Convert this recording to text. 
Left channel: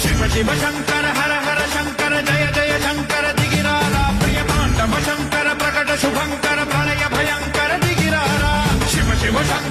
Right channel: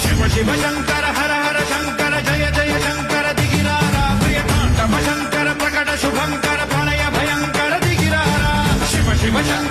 శివ శివ శంకర హర హర శంకర జయ జయ శంకర దిగిరారా ప్రియతాండవ శంకర ప్రకట శుభంకర ప్రణయ భయంకర దిగిరారా శివ శివ శంకర